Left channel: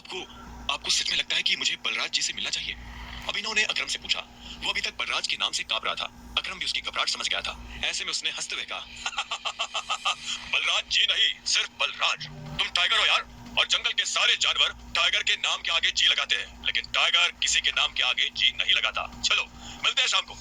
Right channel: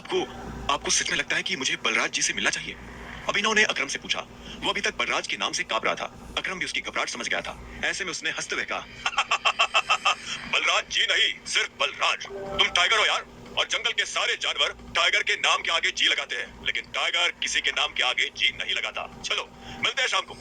आपको आपको सच में लगता है कि मुझे बलराज जी से मिलना चाहिए? अभिनव ने अकरम से पूछा। वो अभी तक बलराज के नाम से कांप रहा था। अकरम भी उसकी घबराहट समझ गया था। ऐसे में उसने हंसते हुए कहा, बलराज जी नहीं, सिर्फ बलराज। तुम टाइगर हो यार, और जंगल के सारे जानवर टाइगर के नाम के आगे जी लगाते हैं, लेकिन टाइगर किसी के नाम के आगे जी नहीं लगाता। चलो मिलते हैं शाम को।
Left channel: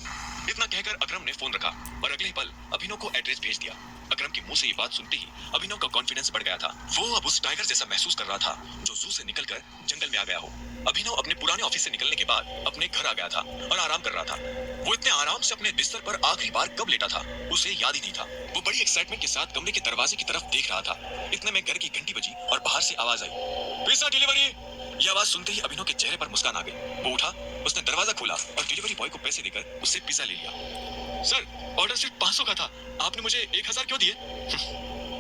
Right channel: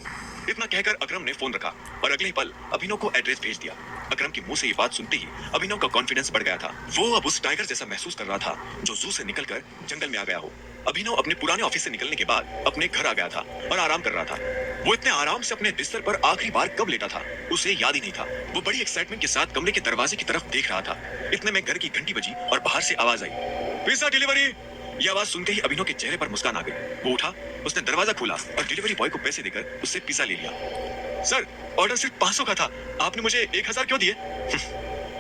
इतना कहकर अकरम ने फोन रखा और अगले ही पल अभिनव को एड्रेस भेज दिया। अकरम के मुंह से ये बात सुनते ही अभिनव का कॉन्फिडेंस बढ़ गया था। वो अब उस टाइगर जैसा महसूस कर रहा था जो जू से निकलकर जंगल में आ गया हो। अभिनव अपने पुराने ऑफिस से निकलने के बाद अपने घर आ गया था और आराम कर रहा था। वो इतने आराम से अपने बिस्तर पर आखिरी बार कब लेटा था उसे याद ही नहीं था। वो बड़ी एक्साइटमेंट के साथ कमरे के दरवाजे की तरफ देख रहा था। इतने में घर की घंटी बजी और बाहर से आवाज आई, पिज्जा डिलीवरी। यह आवाज सुनते ही अभिनव के चेहरे पर मुस्कान आ गई। वो उठा, उसने दरवाजा खोला और डिलीवरी बॉय को पैसे देकर उससे पिज्जा ले लिया। सर, ऑर्डर सिर्फ 500 का था, आपने मुझे 1000 क्यों दिए?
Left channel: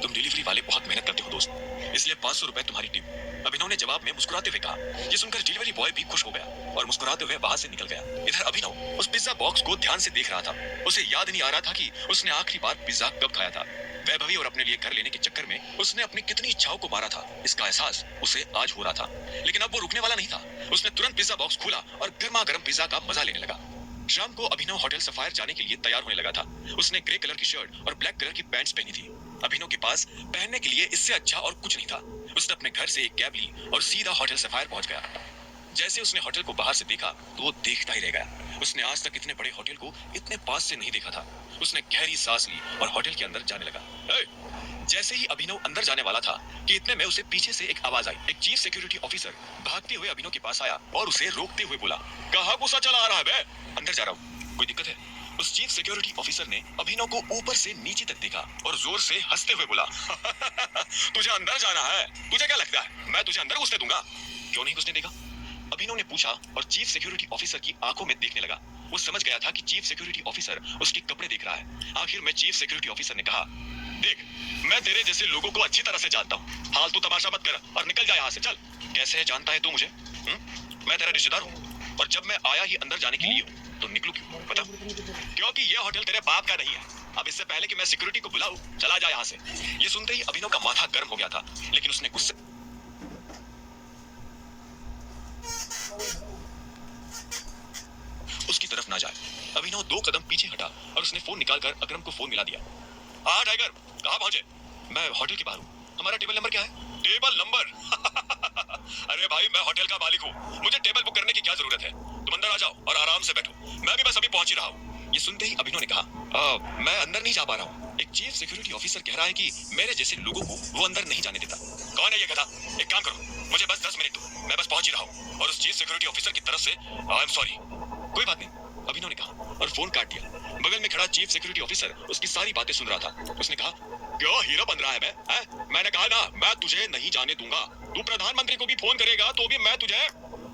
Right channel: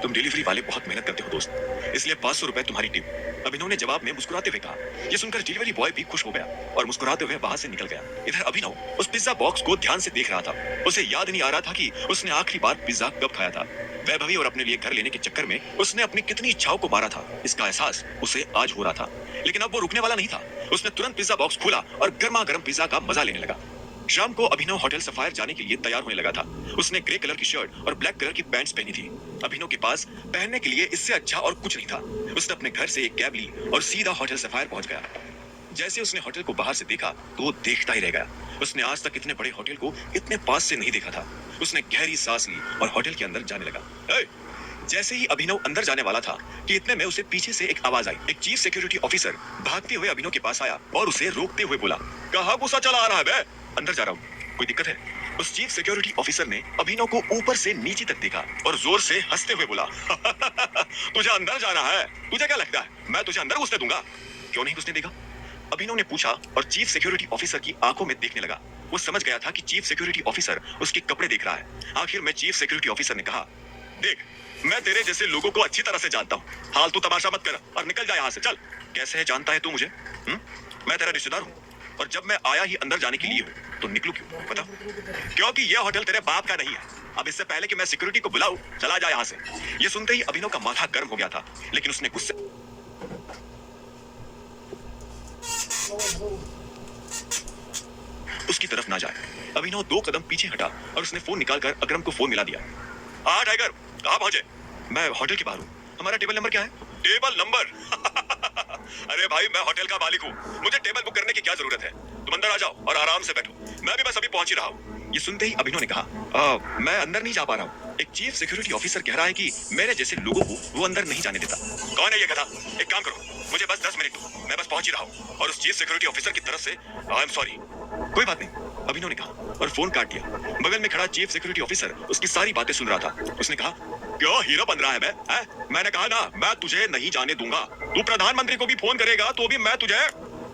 तुम डिलीवरी वाले बहुत मेहनत करते हो दोस्त, इसलिए 500 रुपए तुम्हारी टिप। अभिनव ने जवाब में मुस्कुराते हुए कहा। ये सुनकर डिलीवरी बॉय भी खुश हो गया और मुस्कुराते हुए वहां से निकल गया। इधर अभिनव उस पिज्जा बॉक्स को ध्यान से देख रहा था। उसे याद नहीं आ रहा था कि उसने आखिरी बार पिज्जा कब खाया था। वैभवी और अपने लिए घर लेने के चक्कर में उसने अपनी कितनी इच्छाओं को मारा था, इसका एहसास उसे आज हो रहा था। लेकिन अब वो रुकने वाला नहीं था। उसने तुरंत पिज्जा बॉक्स खोला और गर्मा गर्म पिज्जा का मजा लेने लगा। शाम को अभिनव होटल सफायर जाने के लिए तैयार होने लगा था। उसने ग्रे कलर की शर्ट और ब्लैक कलर की पैंट्स पहनी थी। अभिनव के पास पहनने के लिए इससे अच्छा और कुछ नहीं था। उसने अपने घर से एक कैब ली और सीधा होटल सफायर पहुंच गया। जैसे उसने होटल को बाहर से देखा तो वो देखता ही रह गया। उसने आज तक इतने बड़े होटल को इतने पास से नहीं देखा था। उसने गहरी सांस ली और होटल के अंदर जाने लगा। जैसे ही अभिनव अंदर जाने वाला था कि इतने में उसे पीछे से एक आवाज आई। एक चीफ सिक्योरिटी ऑफिसर भागते हुए अभिनव के पास आया और उसे रोकते हुए बोला, कहाँ गुस्सा चला आ रहा है बे? अंदर जा रहा हूँ, कोई दिक्कत है? उस चीफ सिक्योरिटी ऑफिसर ने अभिनव को ऊपर से नीचे तक देखा और जोर से हंसते हुए बोला, तुझे अंदर जाना है? तुझे क्या लगता है मैं तुझे अंदर घुसने दूंगा? क्यों नहीं घुसने देगा? अभिनव ने पूछा और चीफ सिक्योरिटी ऑफिसर की आंखों में देखने लगा। वो समझ गया था कि चीफ सिक्योरिटी ऑफिसर उसके कपड़े देख रहा है। आखिर में चीफ सिक्योरिटी ऑफिसर ने कहा, देख, मैं तेरे जैसे लोगों को अच्छी तरह से जानता हूँ, फालतू तमाशा मत कर और निकल जा यहाँ से, चल। कैसे जानता है तू मुझे? मैं तेरा रिश्तेदार हूँ और जब मैं आया ही अंदर जाने के लिए हूँ तो निकलूं क्यों बता? क्योंकि यह होटल तेरे बाप का नहीं है। अब इससे पहले कि मैं सिक्योरिटी को बुलाऊं, चला जा यहाँ से। ये सुनते ही अभिनव का माथा गर्म हो गया था, लेकिन उसने गुस्से उसकी तरफ ना जाए। अभिनव 2 कदम पीछे हटा और उसने फोन निकालकर अकरम को फोन मिला दिया। हाँ टाइगर, कहाँ पहुंचे? मैं होटल के बाहर हूँ। हमारा टेबल नंबर क्या है? Table number? अरे भाई, मैं होटल का मालिक हूँ, मुझे टेबल बुक करने की क्या जरूरत है? तुम अंदर आ जाओ और आराम से बैठो, मैं भी बस अभी पहुंच ही रहा हूँ। ये सुनते ही अभिनव ने कहा, मैं अंदर नहीं जा पा रहा हूँ। एक चीफ सिक्योरिटी ऑफिसर कह रहा है कि मेरे जैसे लोगों को वो अंदर नहीं जाने देता। कौन है ये गधा? एक काम करो, मुझे बस 10 मिनट दो, मैं बस पहुंच ही रहा हूँ। और उस चीफ सिक्योरिटी ऑफिसर की तरफ से आई एम सॉरी। कोई बात नहीं, अभिनव ने कहा और फोन काट दिया। बगल में खड़ा चीफ सिक्योरिटी ऑफिसर उसकी सारी बातें सुन रहा था। उसने कहा, क्यों हीरो बन रहा है बे? मैंने कहा ना, मैं तुझे नहीं जाने दूंगा। तू प्रधानमंत्री को भी फोन करेगा तो भी मैं तुझे।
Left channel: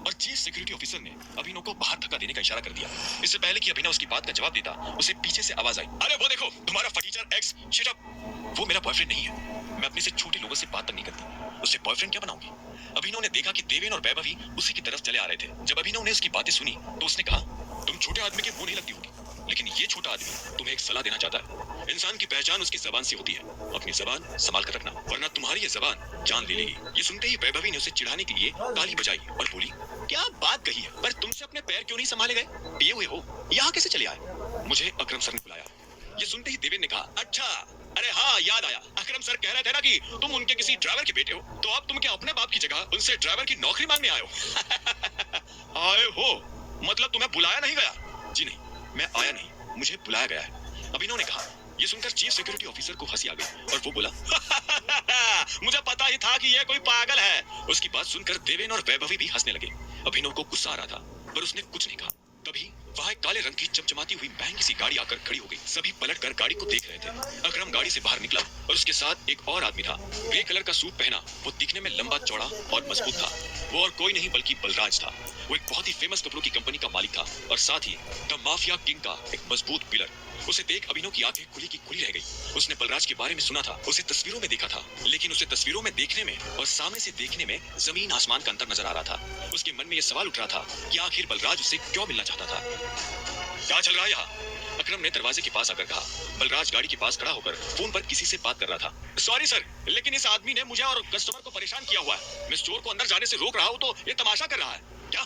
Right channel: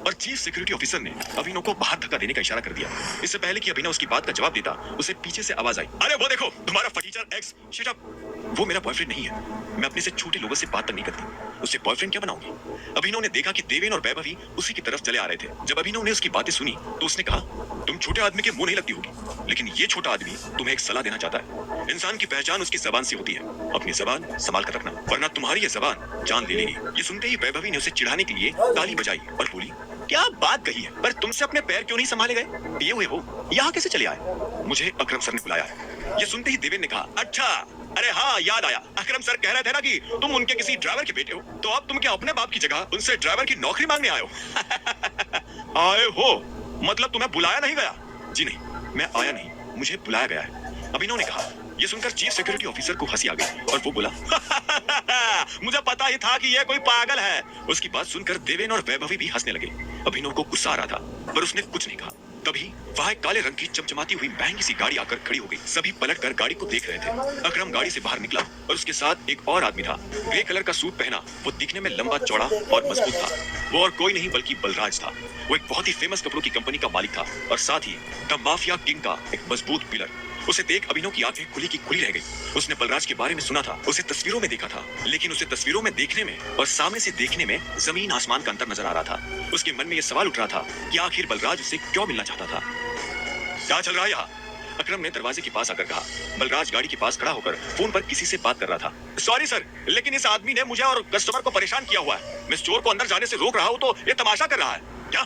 और चीफ सिक्योरिटी ऑफिसर ने अभिनव को बाहर धक्का देने का इशारा कर दिया। इससे पहले कि अभिनव उसकी बात का जवाब देता, उसे पीछे से आवाज आई, अरे वो देखो, तुम्हारा फटीचर एक्स। शट अप, वो मेरा बॉयफ्रेंड नहीं है। मैं अपने से छोटे लोगों से बात तक नहीं करती, उससे बॉयफ्रेंड क्या बनाऊंगी? अभिनव ने देखा कि देवेन और वैभवी उसी की तरफ चले आ रहे थे। जब अभिनव ने उसकी बातें सुनी तो उसने कहा, तुम छोटे आदमी के मुंह नहीं लगती होगी, लेकिन ये छोटा आदमी तुम्हें एक सलाह देना चाहता है। इंसान की पहचान उसकी जबान से होती है। अपनी जबान संभाल कर रखना, वरना तुम्हारी ये जबान जान ले लेगी। ये सुनते ही वैभवी ने उसे चिढ़ाने के लिए ताली बजाई और बोली, क्या बात कही है, पर तुमसे अपने पैर क्यों नहीं संभाले गए? पिए हुए हो, यहाँ कैसे चले आए? मुझे अकरम सर ने बुलाया है। ये सुनते ही देवेन ने कहा, अच्छा, अरे हाँ, याद आया, अकरम सर कह रहे थे ना कि तुम उनके किसी ड्राइवर के बेटे हो, तो अब तुम क्या अपने बाप की जगह उनसे ड्राइवर की नौकरी मांगने आए हो? आए हो मतलब तुम्हें बुलाया नहीं गया? जी नहीं, मैं आया नहीं, मुझे बुलाया गया है, अभिनव ने कहा। ये सुनकर चीफ सिक्योरिटी ऑफिसर को हंसी आ गई और वो बोला, मुझे पता ही था कि ये कोई पागल है। उसकी बात सुनकर देवेन और वैभवी भी हंसने लगे। अभिनव को गुस्सा आ रहा था पर उसने कुछ नहीं कहा। तभी वहां एक काले रंग की चमचमाती हुई महंगी सी गाड़ी आकर खड़ी हो गई। सभी पलटकर गाड़ी को देख रहे थे। अकरम गाड़ी से बाहर निकला और उसके साथ एक और आदमी था। ग्रे कलर का सूट पहना, वो दिखने में लंबा चौड़ा और मजबूत था। वो और कोई नहीं बल्कि बलराज था। वो एक बहुत ही फेमस कपड़ों की कंपनी का मालिक था और साथ ही द माफिया किंग का एक मजबूत पिलर। उसे देख अभिनव की आंखें खुली की खुली रह गई। उसने बलराज के बारे में सुना था, उसे तस्वीरों में देखा था, लेकिन उसे तस्वीरों में देखने में और सामने से देखने में जमीन आसमान का अंतर नजर आ रहा था। उसके मन में यह सवाल उठ रहा था कि आखिर बलराज उससे क्यों मिलना चाहता था। क्या चल रहा है यहाँ? अकरम ने दरवाजे के पास आकर कहा। बलराज गाड़ी के पास खड़ा होकर फोन पर किसी से बात कर रहा था। सॉरी सर, लेकिन इस आदमी ने मुझे और कस्टमर को परेशान किया हुआ है। मैं चोर को अंदर जाने से रोक रहा हूँ तो ये तमाशा कर रहा है। क्या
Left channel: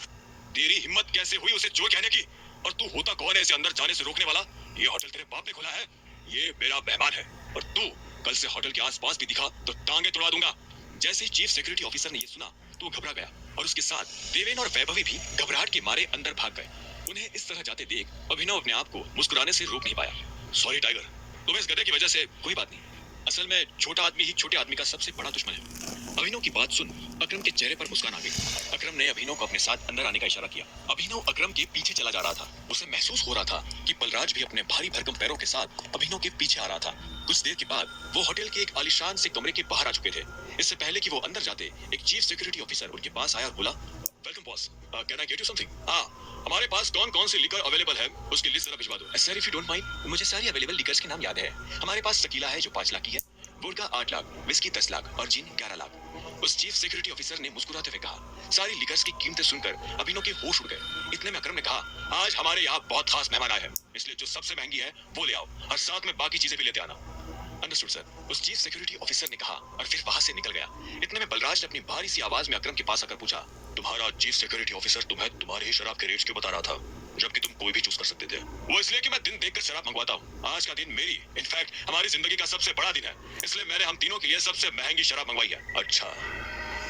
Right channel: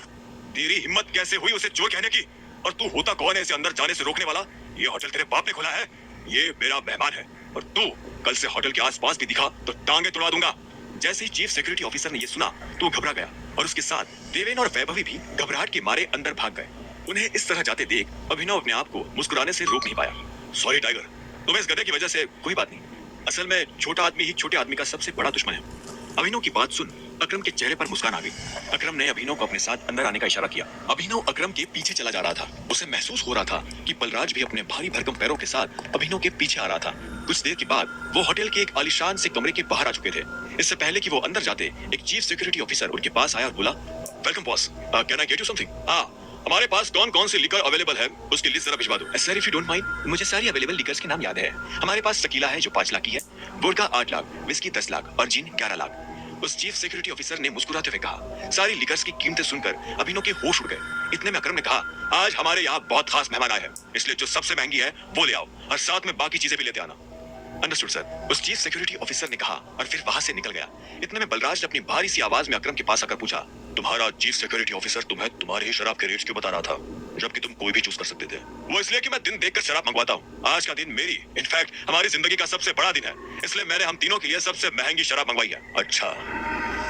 तेरी हिम्मत कैसे हुई उसे चोर कहने की? और तू होता कौन है इसे अंदर जाने से रोकने वाला? ये होटल तेरे बाप ने खोला है, ये मेरा मेहमान है, और तू कल से होटल के आसपास भी दिखा तो टांगे तुड़ा दूंगा। जैसे ही चीफ सिक्योरिटी ऑफिसर ने ये सुना तो घबरा गया और उसके साथ देवेन और वैभवी भी घबराहट के मारे अंदर भाग गए। उन्हें इस तरह जाते देख अभिनव अपने आप को मुस्कुराने से रोक नहीं पाया। सॉरी टाइगर, तुम्हें इस गधे की वजह से कोई बात नहीं। असल में छोटा आदमी ही छोटे आदमी का सबसे बड़ा दुश्मन है। अभिनव की बात सुन अकरम के चेहरे पर मुस्कान आ गई। अकरम ने अभिनव को अपने साथ अंदर आने का इशारा किया। अभिनव अकरम के पीछे चला जा रहा था। उसे महसूस हो रहा था कि बलराज भी अपने भारी भरकम पैरों के साथ अभिनव के पीछे आ रहा था। कुछ देर के बाद वो होटल के एक आलीशान से कमरे के बाहर आ चुके थे। इससे पहले कि वो अंदर जाते, एक चीफ सिक्योरिटी ऑफिसर उनके पास आया और बोला, welcome boss, can I get you something? हाँ, हमारे पास कौन कौन से लिकर अवेलेबल है उसकी लिस्ट जरा भिजवा दो। Sir if you don't mind, मुझे सारी अवेलेबल लिकर्स के नाम याद है। हमारे पास शकीला है जो 5 लाख की है, वोडका 8 लाख, विस्की 10 लाख और जिन 11 लाख। उस चीफ सिक्योरिटी ऑफिसर ने मुस्कुराते हुए कहा। सारी लिकर्स की कीमतें सुनकर अभिनव के होश उड़ गए। इतने में अकरम ने कहा, आज हमारे यहाँ बहुत खास मेहमान आए हैं, इसलिए जो सबसे महंगी है वो ले आओ और साथ में बाकी चीजें भी लेते आना। अंडरस्टूड सर, उस चीफ सिक्योरिटी ऑफिसर ने कहा और फिर वहां से निकल गया। इतने में बलराज ने अपनी भारी सी आवाज में अकरम के पास आकर पूछा, तुम्हारा चीफ सिक्योरिटी ऑफिसर तुम्हें तुम्हारे ही शराब के रेट्स क्यों बता रहा था, जबकि तुम कोई भी चूज कर सकते थे? वो इसलिए कि मैं दिन देखकर शराब मंगवाता हूँ। आज का दिन मेरी, इनफैक्ट हमारी जिंदगी का सबसे बड़ा दिन है, इसलिए मैंने हम तीनों के लिए सबसे महंगी शराब मंगवाई है। अच्छा,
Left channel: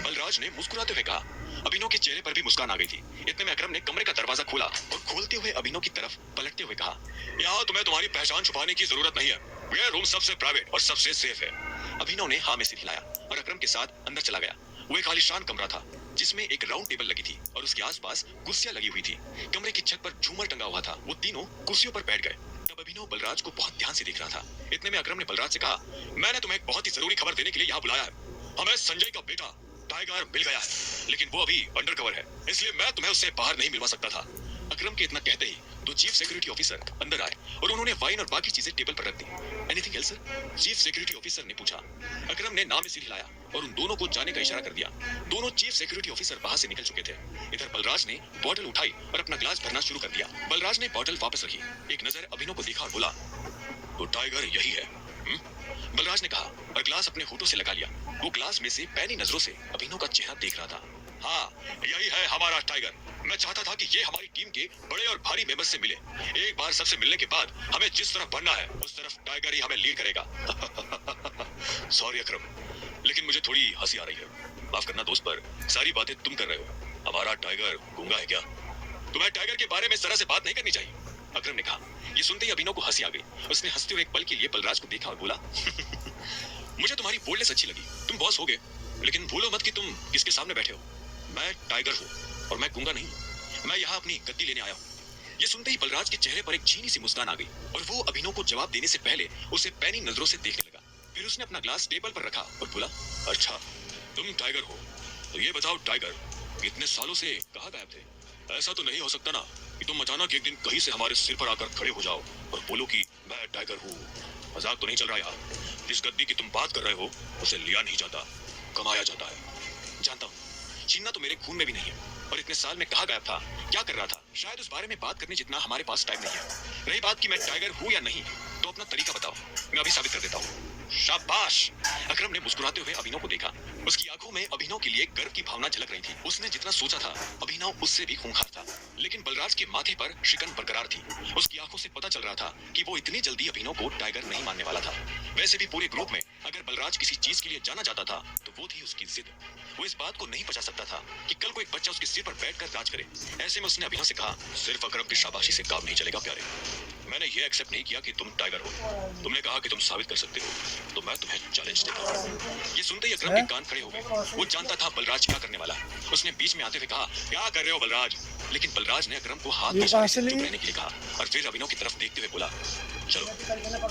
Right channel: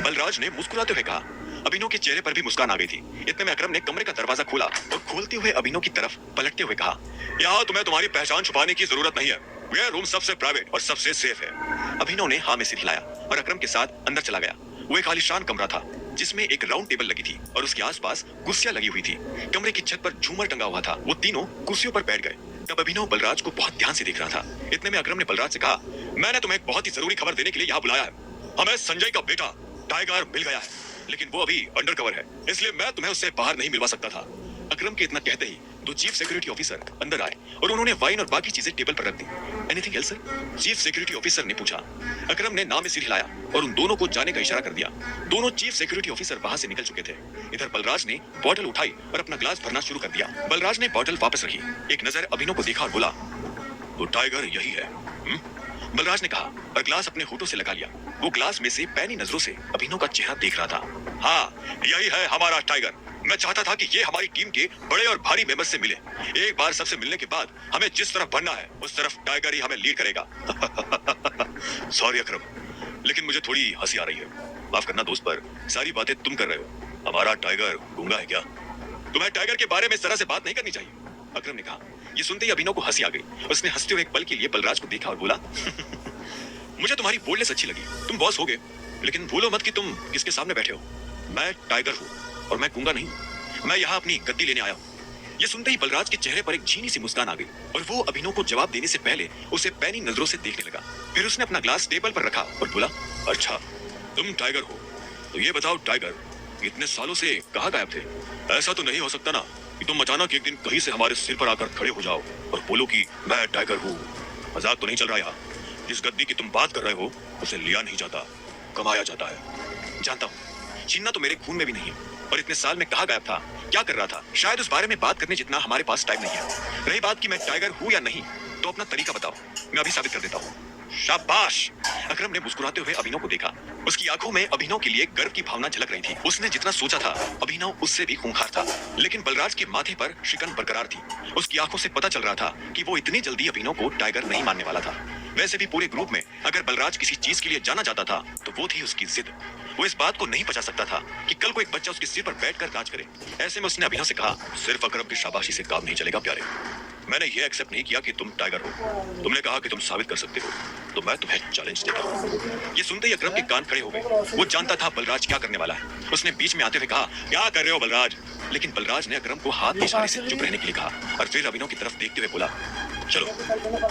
बलराज ने मुस्कुराते हुए कहा। अभिनव के चेहरे पर भी मुस्कान आ गई थी। इतने में अकरम ने कमरे का दरवाजा खोला और खोलते हुए अभिनव की तरफ पलटते हुए कहा, यहाँ तुम्हें तुम्हारी पहचान छुपाने की जरूरत नहीं है, यह रूम सबसे प्राइवेट और सबसे सेफ है। अभिनव ने हाँ में सिर हिलाया और अकरम के साथ अंदर चला गया। वो एक आलीशान कमरा था जिसमें एक राउंड टेबल लगी थी और उसके आसपास कुर्सियां लगी हुई थी। कमरे की छत पर झूमर टंगा हुआ था। वो तीनों कुर्सियों पर बैठ गए। तब अभिनव बलराज को बहुत ध्यान से देख रहा था। इतने में अकरम ने बलराज से कहा, मैंने तुम्हें एक बहुत ही जरूरी खबर देने के लिए यहाँ बुलाया है। हमें संजय का बेटा टाइगर मिल गया है, लेकिन वो अभी अंडरकवर है, इसलिए मैं तुम्हें उससे बाहर नहीं मिलवा सकता था। अकरम के इतना कहते ही दो चीफ सिक्योरिटी ऑफिसर अंदर आए और उन्होंने वाइन और बाकी चीजें टेबल पर रख दी। Anything else sir? Chief security officer ने पूछा। अकरम ने नाम में सिर हिलाया और उन दोनों को जाने का इशारा कर दिया। दोनों चीफ सिक्योरिटी ऑफिसर वहां से निकल चुके थे। इधर बलराज ने बॉटल उठाई और अपना ग्लास भरना शुरू कर दिया। बलराज ने बॉटल वापस रखी, एक नजर अभिनव को देखा और बोला, वो टाइगर यही है? बलराज ने कहा और ग्लास अपने होठों से लगा लिया। वो ग्लास में से पैनी नजरों से अभिनव का चेहरा देख रहा था। हाँ, यही है हमारा टाइगर। मैं चाहता था कि ये हमारी टीम के बड़े और भारी मेंबर से मिले। एक बार सबसे मिलने के बाद हमें जिस तरफ बढ़ना है उस तरफ टाइगर ही हमें लीड करेगा। सॉरी अकरम, लेकिन मुझे थोड़ी हंसी आ रही है। माफ करना दोस्त, पर सारी बातें तुम कर रहे हो। हमारा टाइगर गूंगा है क्या? तुम्हें टाइगर के बारे में इस तरह से बात नहीं करनी चाहिए, अकरम ने कहा। ये सुनते ही अभिनव को हंसी आ गई। उसने हंसते हुए एक पल के लिए बलराज को देखा और बोला, मुझे तुम्हारी बोल्डनेस अच्छी लगी। तुम बॉस हो गए, लेकिन भूलो मत कि तुम किसके सामने बैठे हो। मैं टाइगर हूँ और मैं गूंगा नहीं। मैं यहाँ अपनी गद्दी लेने आया हूँ। ये सुनते ही बलराज के चेहरे पर एक झीनी सी मुस्कान आ गई और वो अभिनव को जवाब देने से पहले उसे पैनी नजरों से देखने लगा। फिर उसने अपना ग्लास टेबल पर रखा और बोला, अच्छा तुम टाइगर हो, तो ये बताओ टाइगर, इतने सालों से कहाँ गायब थे? ऐसा तो नहीं हो सकता ना कि तुम अचानक एक दिन कहीं से हमारे सिर पर आकर खड़े हो जाओ और बोलो कि मैं टाइगर हूँ। मजाक तो नहीं चल रहा यहाँ? जिस गद्दी की तुम बात कर रहे हो उसे लिया नहीं जाता, कमाया जाता है। जानता हूँ, छीनना तो मेरे खून में भी नहीं है। और इतने साल में कहाँ गायब था, क्या कर रहा था, शायद उस बारे में बात करने जितना हमारे पास टाइम नहीं है। रही बात कि मैं टाइगर हूँ या नहीं, तो अपना तरीका बताओ, मैं अभी साबित कर देता हूँ। शाबाश! अकरम ने मुस्कुराते हुए अभिनव को देखा। उसकी आंखों में अभिनव के लिए गर्व की भावना झलक रही थी। उसने जितना सोचा था अभिनव उससे भी खूंखार था, लेकिन बलराज के माथे पर शिकन बरकरार थी। उसकी आंखों से पता चल रहा था कि वो इतनी जल्दी अभिनव को टाइगर नहीं मानने वाला था। वैसे भी पूरे ग्रुप में अगर बलराज किसी चीज के लिए जाना चाहता था तो वो थी उसकी जिद। वो इस बात को नहीं पचा सकता था कि कल को एक बच्चा उसके सिर पर बैठकर राज करे। ऐसे में उसने अभिनव से कहा, सिर्फ अकरम की शाबाशी से काम नहीं चलेगा प्यारे। मैंने ये एक्सेप्ट नहीं किया कि तुम टाइगर हो। तुमने कहा कि तुम साबित कर सकते हो, तो मैं तुम्हें चैलेंज देता हूँ। ये सुनते ही अकरम के कान खड़े हो गए। वो जानता था बलराज क्या करने वाला है। उसने बीच में आते हुए कहा, क्या कर रहे हो बलराज? लेकिन बलराज ने अकरम को हाथ के इशारे से चुप रहने के लिए कहा और फिर अभिनव की तरफ देखते हुए बोला, चलो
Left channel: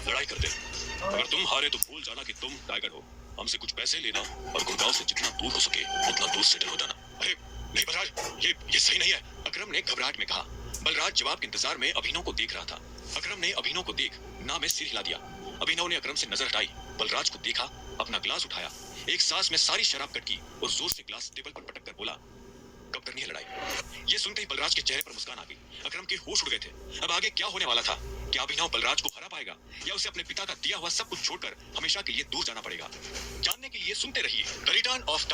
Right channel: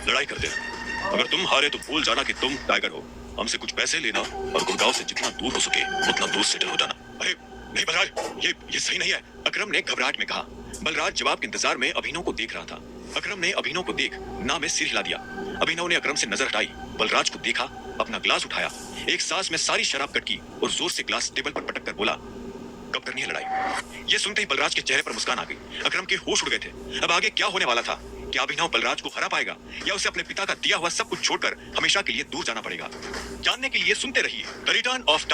लड़ाई करते हैं। अगर तुम हारे तो भूल जाना कि तुम टाइगर हो। हमसे कुछ पैसे लेना और गुड़गांव से जितना दूर हो सके उतना दूर सेटल हो जाना। अरे नहीं बलराज, ये सही नहीं है, अकरम ने घबराहट में कहा। बलराज जवाब के इंतजार में अभिनव को देख रहा था। अकरम ने अभिनव को देख ना में सिर हिला दिया। अभिनव ने अकरम से नजर हटाई, बलराज को देखा, अपना ग्लास उठाया, एक सांस में सारी शराब कटकी और जोर से ग्लास टेबल पर पटक कर बोला, कब करनी है लड़ाई? ये सुनते ही बलराज के चेहरे पर मुस्कान आ गई। अकरम के होश उड़ गए थे। अब आगे क्या होने वाला था क्या अभिनव बलराज को हरा पाएगा या उसे अपने पिता का दिया हुआ सब कुछ छोड़कर हमेशा के लिए दूर जाना पड़ेगा? जानने के लिए सुनते रहिए द रिटर्न ऑफ